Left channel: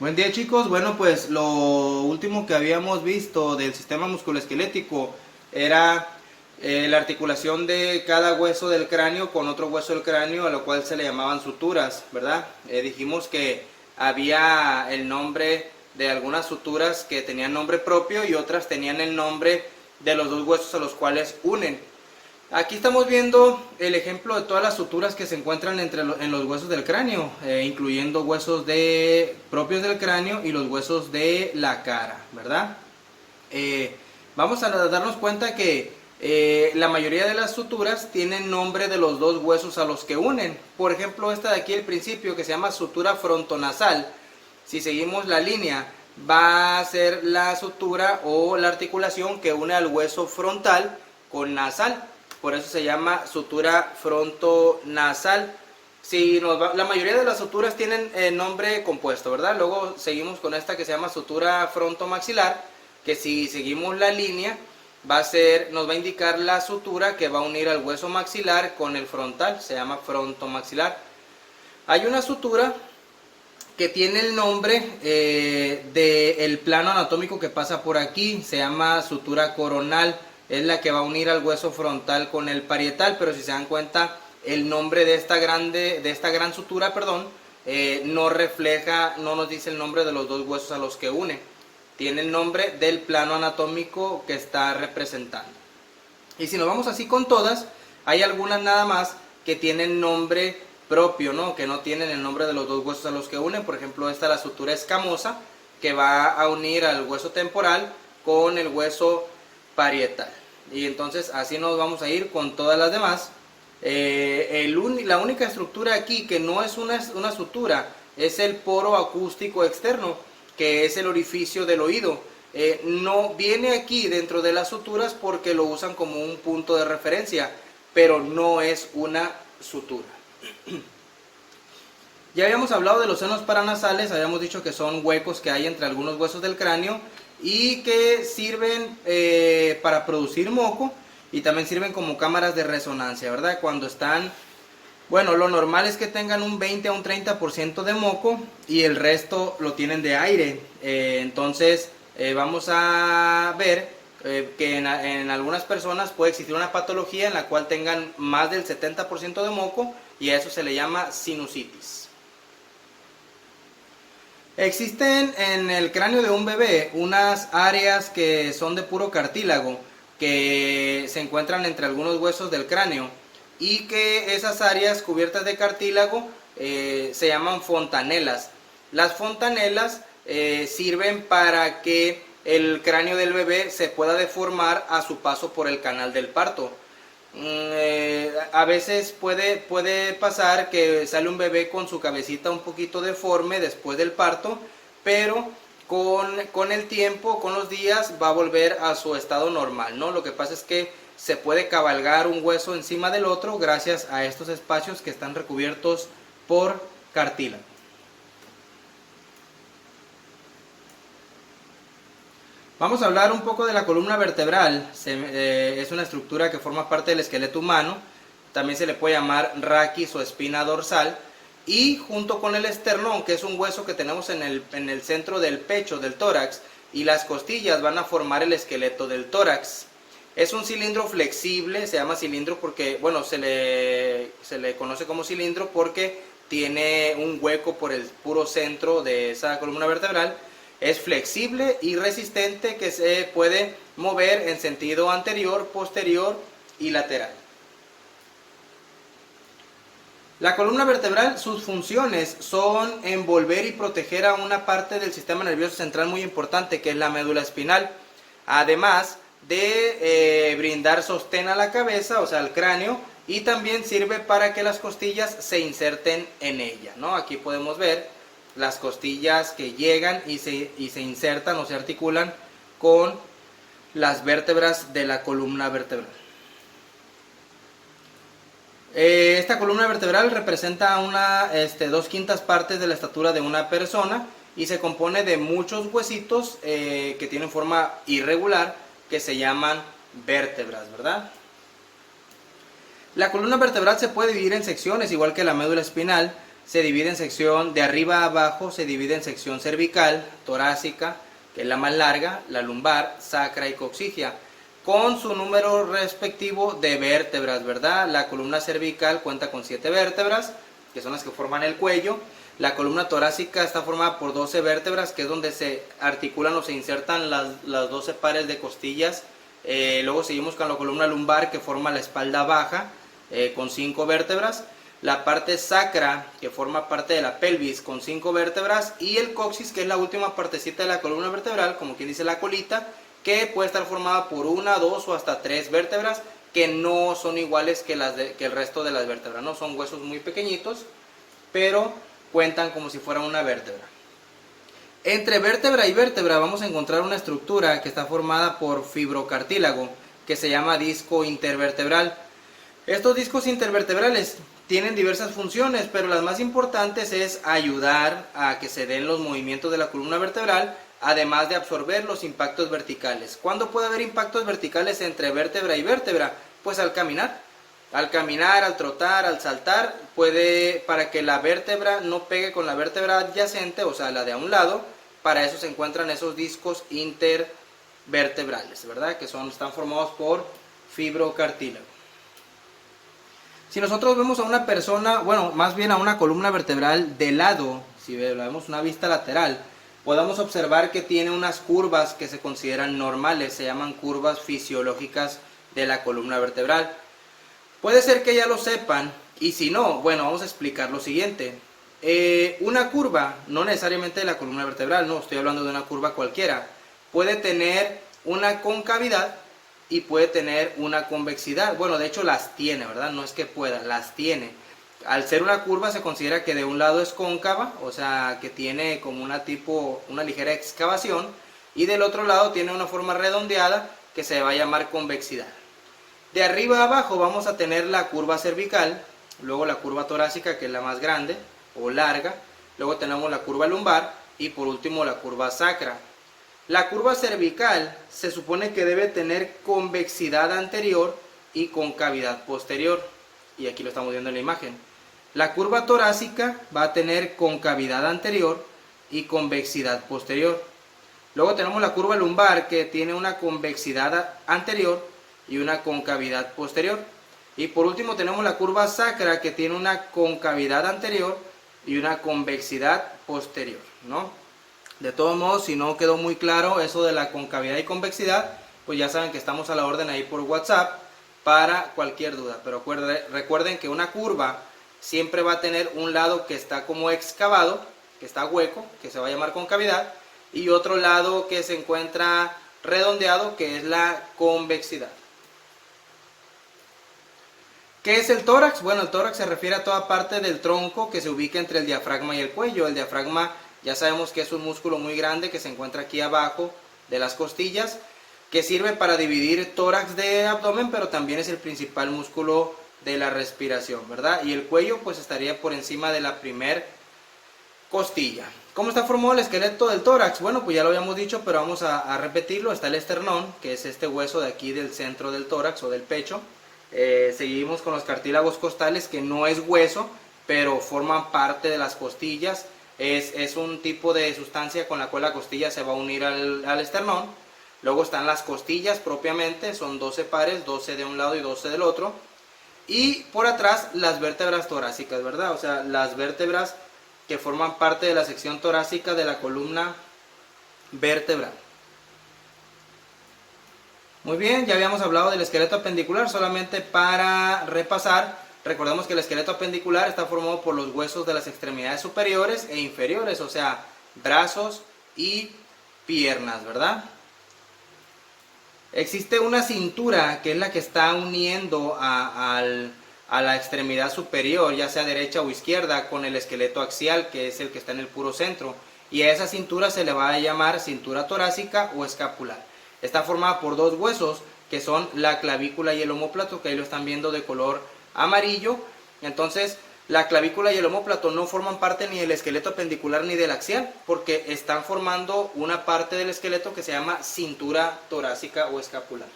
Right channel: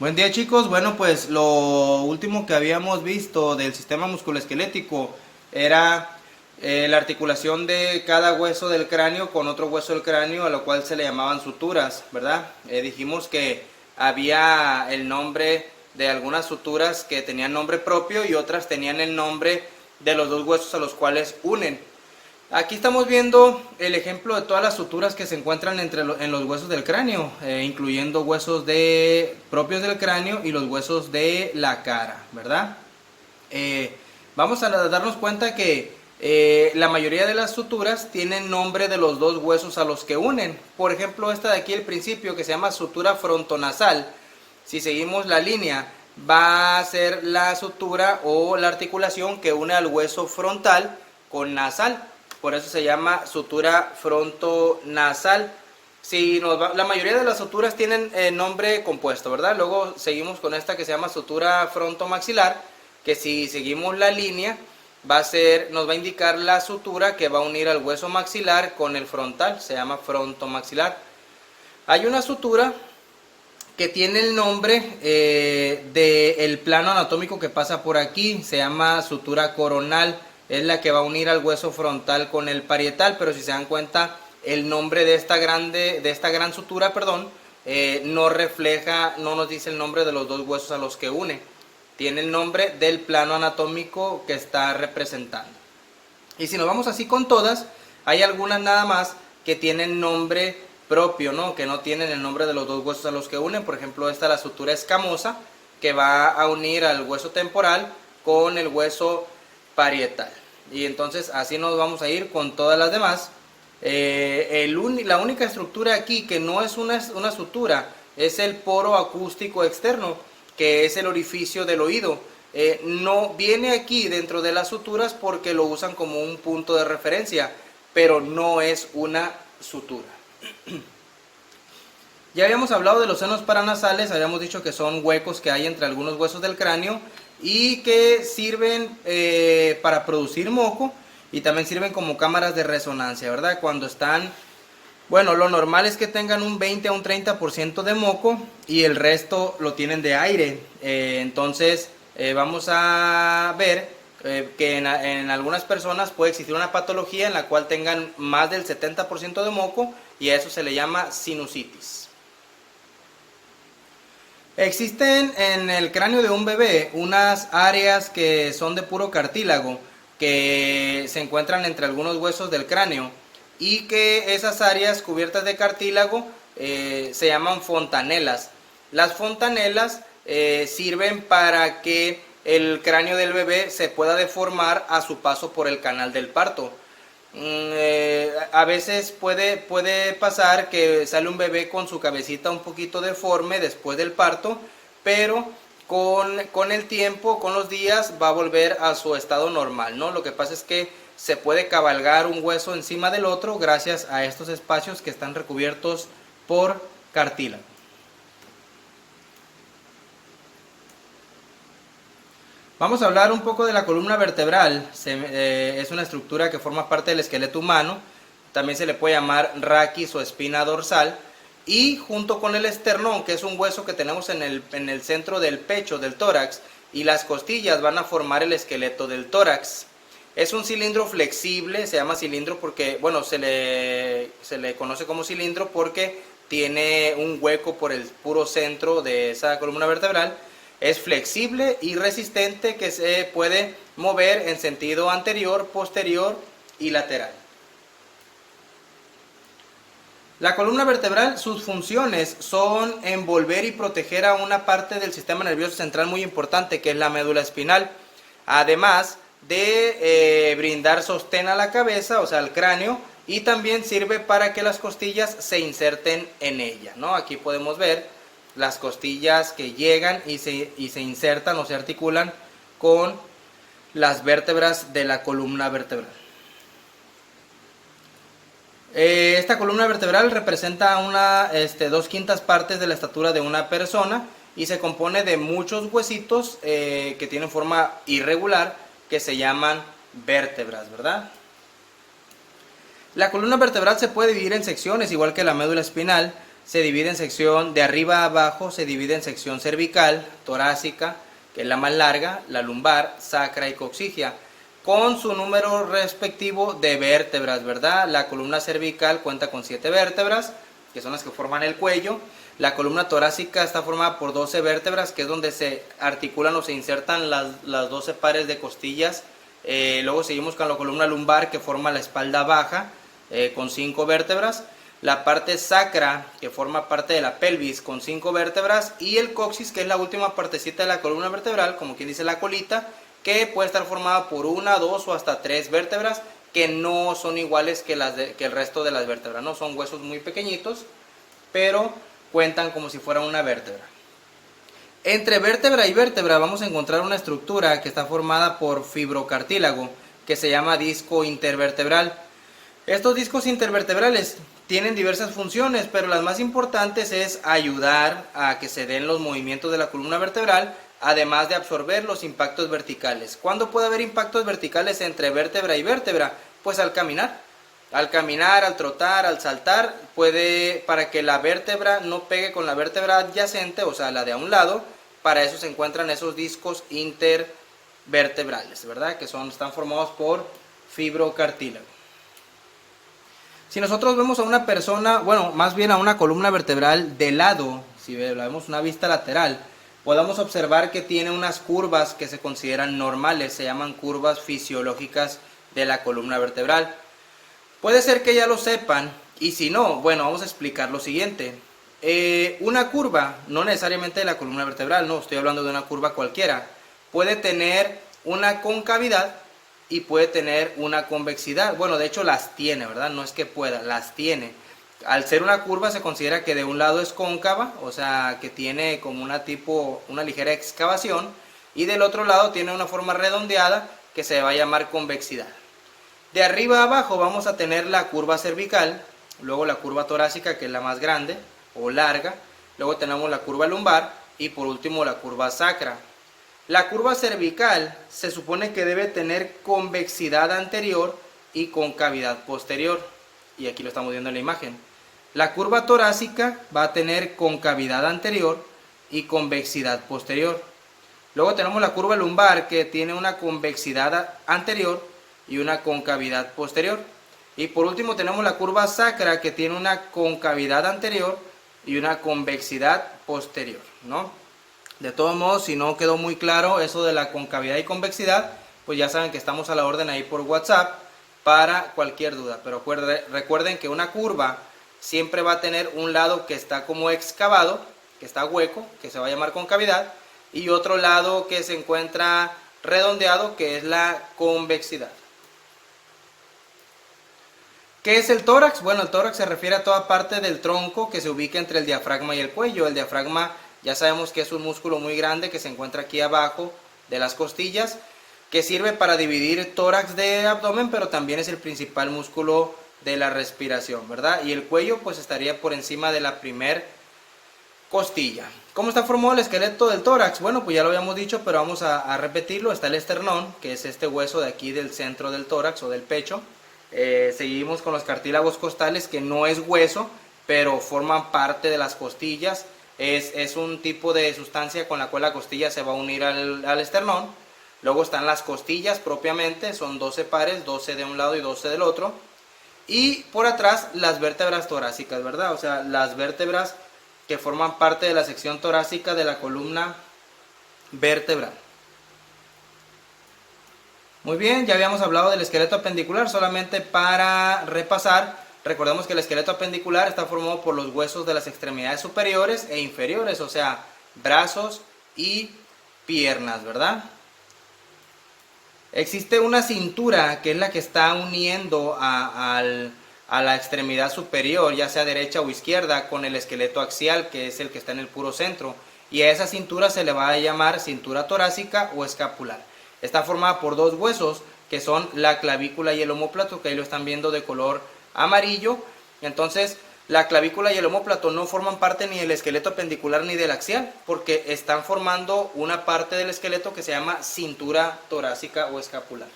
Buen día chicos, bueno pues lo último que habíamos visto del sistema musculoesquelético era la articulación de cada hueso del cráneo con otro hueso del cráneo, a lo cual se le llamaban suturas, ¿verdad? Dijimos que había el nombre de algunas suturas que tenían nombre propio y otras tenían el nombre de los dos huesos a los cuales unen. Aquí estamos viendo el ejemplo de todas las suturas que se encuentran en los huesos del cráneo, incluyendo huesos propios del cráneo y los huesos de la cara, ¿verdad? Vamos a darnos cuenta que la mayoría de las suturas tienen nombre de los dos huesos a los que unen. Por ejemplo, esta de aquí al principio, que se llama sutura frontonasal, si seguimos la línea, va a ser la sutura o la articulación que une al hueso frontal con nasal. Por eso se llama sutura frontonasal. La mayoría de las suturas tienen nombre compuesto, ¿verdad? Luego seguimos con esta que se llama sutura frontomaxilar, que si seguimos la línea nos va a indicar la sutura que va a unir al hueso maxilar con el frontal, se llama frontomaxilar. Hay una sutura que tiene el nombre del plano anatómico que pasa por aquí, se llama sutura coronal. Es la que va a unir al hueso frontal con el parietal, pero si se dan cuenta, el nombre de esta gran sutura, no nos dice el nombre de los dos huesos a los que une. Tiene el nombre del plano anatómico que está representando. Y si nos vamos así con todas, hay algunas nada más que tienen nombre propio, ¿no? Que no tienen el nombre de los dos huesos a los que unen. Por ejemplo, esta es la sutura escamosa, que va a unir al hueso temporal con el hueso parietal. Y entonces así nos vamos a ir con todas las demás. La única estructura aquí que no es una sutura es el poro acústico externo, que es el orificio del oído. No viene aquí dentro de las suturas porque lo usan como un punto de referencia, pero no es una sutura. Ya habíamos hablado de los senos paranasales, habíamos dicho que son huecos que hay entre algunos huesos del cráneo y que sirven para producir moco y también sirven como cámaras de resonancia, ¿verdad? Cuando están, bueno, lo normal es que tengan un 20 a un 30% de moco y el resto lo tienen de aire. Entonces vamos a ver que en algunas personas puede existir una patología en la cual tengan más del 70% de moco y a eso se le llama sinusitis. Existen en el cráneo de un bebé unas áreas que son de puro cartílago, que se encuentran entre algunos huesos del cráneo y que esas áreas cubiertas de cartílago se llaman fontanelas. Las fontanelas sirven para que el cráneo del bebé se pueda deformar a su paso por el canal del parto. A veces puede pasar que sale un bebé con su cabecita un poquito deforme después del parto, pero con el tiempo, con los días, va a volver a su estado normal, ¿no? Lo que pasa es que se puede cabalgar un hueso encima del otro gracias a estos espacios que están recubiertos por cartílago. Vamos a hablar un poco de la columna vertebral. Es una estructura que forma parte del esqueleto humano. También se le puede llamar raquis o espina dorsal. Y junto con el esternón, que es un hueso que tenemos en el centro del pecho, del tórax, y las costillas van a formar el esqueleto del tórax. Es un cilindro flexible, se llama cilindro porque, bueno, se le conoce como cilindro porque tiene un hueco por el puro centro de esa columna vertebral. Es flexible y resistente, que se puede mover en sentido anterior, posterior y lateral. La columna vertebral, sus funciones son envolver y proteger a una parte del sistema nervioso central muy importante, que es la médula espinal. Además de brindar sostén a la cabeza, o sea, al cráneo, y también sirve para que las costillas se inserten en ella, ¿no? Aquí podemos ver las costillas que llegan y se insertan o se articulan con las vértebras de la columna vertebral. Esta columna vertebral representa 2/5 partes de la estatura de una persona y se compone de muchos huesitos que tienen forma irregular, que se llaman vértebras, ¿verdad? La columna vertebral se puede dividir en secciones, igual que la médula espinal. se divide en sección de arriba a abajo, se divide en sección cervical, torácica, que es la más larga, la lumbar, sacra y coxigia, con su número respectivo de vértebras, ¿verdad? La columna cervical cuenta con 7 vértebras, que son las que forman el cuello. La columna torácica está formada por 12 vértebras, que es donde se articulan o se insertan las 12 pares de costillas. Luego seguimos con la columna lumbar, que forma la espalda baja, con 5 vértebras. La parte sacra, que forma parte de la pelvis, con 5 vértebras. Y el coxis, que es la última partecita de la columna vertebral, como quien dice la colita, que puede estar formada por 1, 2 o hasta 3 vértebras, que no son iguales que el resto de las vértebras, ¿no? Son huesos muy pequeñitos, pero cuentan como si fuera una vértebra. Entre vértebra y vértebra vamos a encontrar una estructura que está formada por fibrocartílago, que se llama disco intervertebral. Estos discos intervertebrales tienen diversas funciones, pero las más importantes es ayudar a que se den los movimientos de la columna vertebral, además de absorber los impactos verticales. ¿Cuándo puede haber impactos verticales entre vértebra y vértebra? Pues al caminar. Al caminar, al trotar, al saltar, para que la vértebra no pegue con la vértebra adyacente, o sea, la de a un lado. Para eso se encuentran esos discos intervertebrales, ¿verdad? Que están formados por fibrocartílago. Si nosotros vemos a una persona, bueno, más bien a una columna vertebral de lado, si vemos una vista lateral, podamos observar que tiene unas curvas que se consideran normales, se llaman curvas fisiológicas de la columna vertebral. Puede ser que ya lo sepan, y si no, bueno, vamos a explicar lo siguiente. Una curva, no necesariamente de la columna vertebral, no, estoy hablando de una curva cualquiera, puede tener una concavidad y puede tener una convexidad. Bueno, de hecho las tiene, ¿verdad? No es que pueda, las tiene. Al ser una curva se considera que de un lado es cóncava, o sea, que tiene como una ligera excavación, y del otro lado tiene una forma redondeada que se va a llamar convexidad. De arriba a abajo vamos a tener la curva cervical, luego la curva torácica, que es la más grande o larga, luego tenemos la curva lumbar y por último la curva sacra. La curva cervical se supone que debe tener convexidad anterior y concavidad posterior, y aquí lo estamos viendo en la imagen. La curva torácica va a tener concavidad anterior y convexidad posterior. Luego tenemos la curva lumbar, que tiene una convexidad anterior y una concavidad posterior. Y por último tenemos la curva sacra, que tiene una concavidad anterior y una convexidad posterior, ¿no? De todos modos, si no quedó muy claro eso de la concavidad y convexidad, pues ya saben que estamos a la orden ahí por WhatsApp para cualquier duda. Pero recuerden que una curva siempre va a tener un lado que está como excavado, que está hueco, que se va a llamar concavidad, y otro lado que se encuentra redondeado, que es la convexidad. ¿Qué es el tórax? Bueno, el tórax se refiere a toda parte del tronco que se ubica entre el diafragma y el cuello. El diafragma ya sabemos que es un músculo muy grande que se encuentra aquí abajo de las costillas, que sirve para dividir tórax de abdomen, pero también es el principal músculo de la respiración, ¿verdad? Y el cuello pues estaría por encima de la primer costilla. ¿Cómo está formado el esqueleto del tórax? Bueno, pues ya lo habíamos dicho, pero vamos a repetirlo. Está el esternón, que es este hueso de aquí del centro del tórax o del pecho. Seguimos con los cartílagos costales, que no es hueso, pero forman parte de las costillas. Es un tipo de sustancia con la cual la costilla se va a unir al esternón. Luego están las costillas propiamente, son 12 pares, 12 de un lado y 12 del otro. Y por atrás las vértebras torácicas, ¿verdad? O sea, las vértebras que forman parte de la sección torácica de la columna vertebral. Muy bien, ya habíamos hablado del esqueleto apendicular. Solamente para repasar, recordemos que el esqueleto apendicular está formado por los huesos de las extremidades superiores e inferiores, o sea, brazos y piernas, ¿verdad? Existe una cintura que es la que está uniendo a la extremidad superior, ya sea derecha o izquierda, con el esqueleto axial, que es el que está en el puro centro. Y a esa cintura se le va a llamar cintura torácica o escapular. Está formada por dos huesos, que son la clavícula y el omóplato, que ahí lo están viendo de color amarillo. Entonces, la clavícula y el omóplato no forman parte ni del esqueleto apendicular ni del axial, porque están formando una parte del esqueleto que se llama cintura torácica o escapular.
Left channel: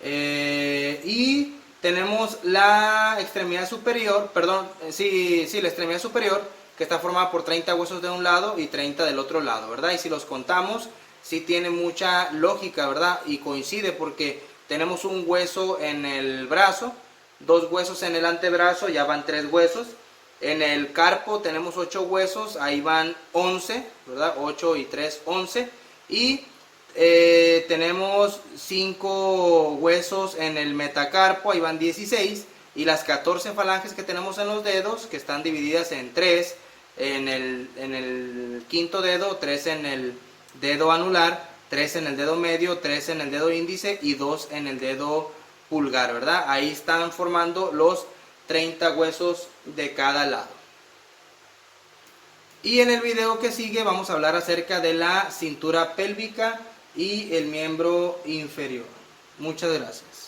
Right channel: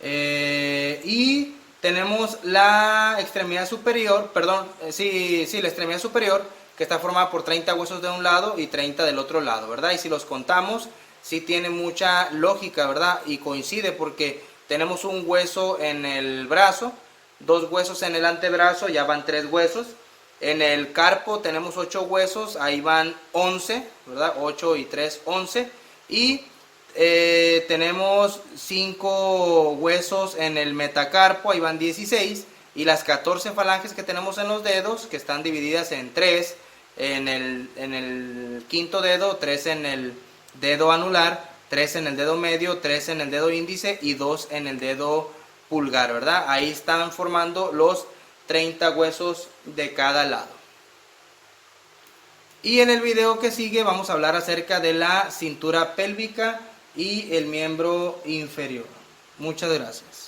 Y tenemos la extremidad superior, perdón, la extremidad superior, que está formada por 30 huesos de un lado y 30 del otro lado, ¿verdad? Y si los contamos, sí tiene mucha lógica, ¿verdad? Y coincide porque tenemos un hueso en el brazo, 2 huesos en el antebrazo, ya van 3 huesos. En el carpo tenemos 8 huesos, ahí van 11, ¿verdad? 8 y 3, 11. Y tenemos 5 huesos en el metacarpo, ahí van 16. Y las 14 falanges que tenemos en los dedos, que están divididas en 3 en el quinto dedo, 3 en el dedo anular, 3 en el dedo medio, 3 en el dedo índice y 2 en el dedo pulgar, ¿verdad? Ahí están formando los 30 huesos de cada lado. Y en el video que sigue vamos a hablar acerca de la cintura pélvica y el miembro inferior. Muchas gracias.